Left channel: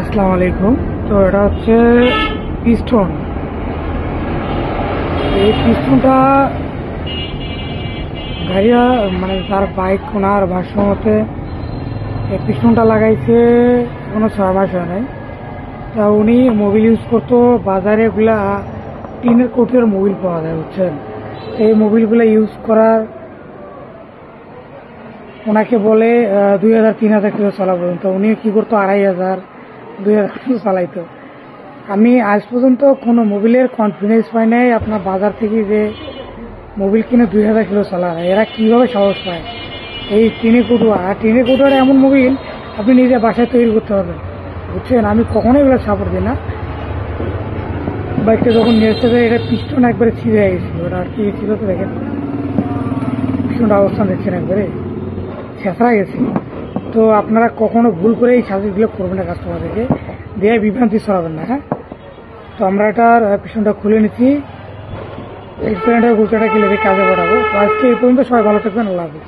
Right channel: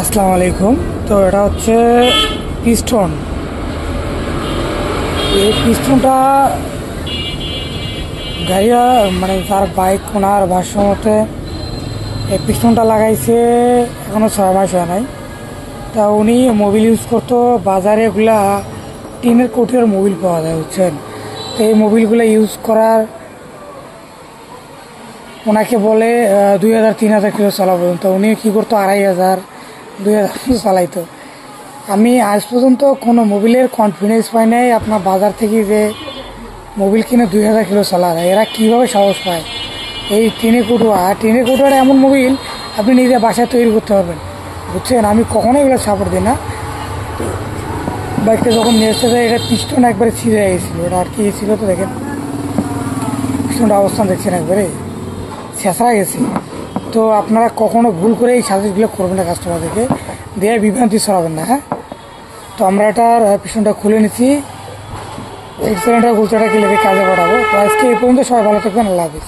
আসসালামু আলাইকুম। তো এটা হচ্ছে পিস্টন। এই পিস্টনটা গাড়িয়া মানে তার বাইক ওনার ভাষ্য মতে এই পিস্টনটা লাগাইছে এখনো 6 মাস হয় নাই। তা উনি মোবিল ইউজ করতো, বাজারে এগুলা টিনের কোটের মোবিল পাওয়া যায়, বুঝছেন। তো এই মোবিলগুলো ইউজ করার ওনাকে বলে 2000-3000 কিলো চালা পর্যন্ত। উনি কী করতো 2500-2000 কিলো চালাইতো। আমি আজ পর্যন্ত কোনো মোবিলের কনফিডেন্স পাই নাই আপনার বাজার থেকে যে মোবিল কিনে 2000 কিলো চালায়। এরা কীভাবে সাহস পায়? এই টিনে কুটুয়া এমন মোবিল আপনি নিজে বাসায় তৈরি করতে পারবেন, বুঝছেন। আমি কখনোই এগুলো সাপোর্ট দিই না। বাইকটা যখন নিয়ে আসতে যায় এটা পিস্টন একবারে ছিঁড়ে গেছিলো। এটা আর কি ছিল তো দেখেন, পিস্টনটা অবস্থান দেখছেন একবারে ছেঁচড়া গেছে। তো আপনারা কখনো ভুল করে এই সার্ভিসগুলো করবেন না, কাস্টমারদেরকে দিয়ে বিভ্রান্তি ছড়াবেন না, হ্যাঁ। তো আমরা এটার পিছনটা খুলে নিচ্ছি, এক্সিলেন্টার গুলচাটা কিনে কাজে পাঠাবো। তো আজকে এই পর্যন্ত, সবাই ভালো থাকবেন, আল্লাহ হাফিজ।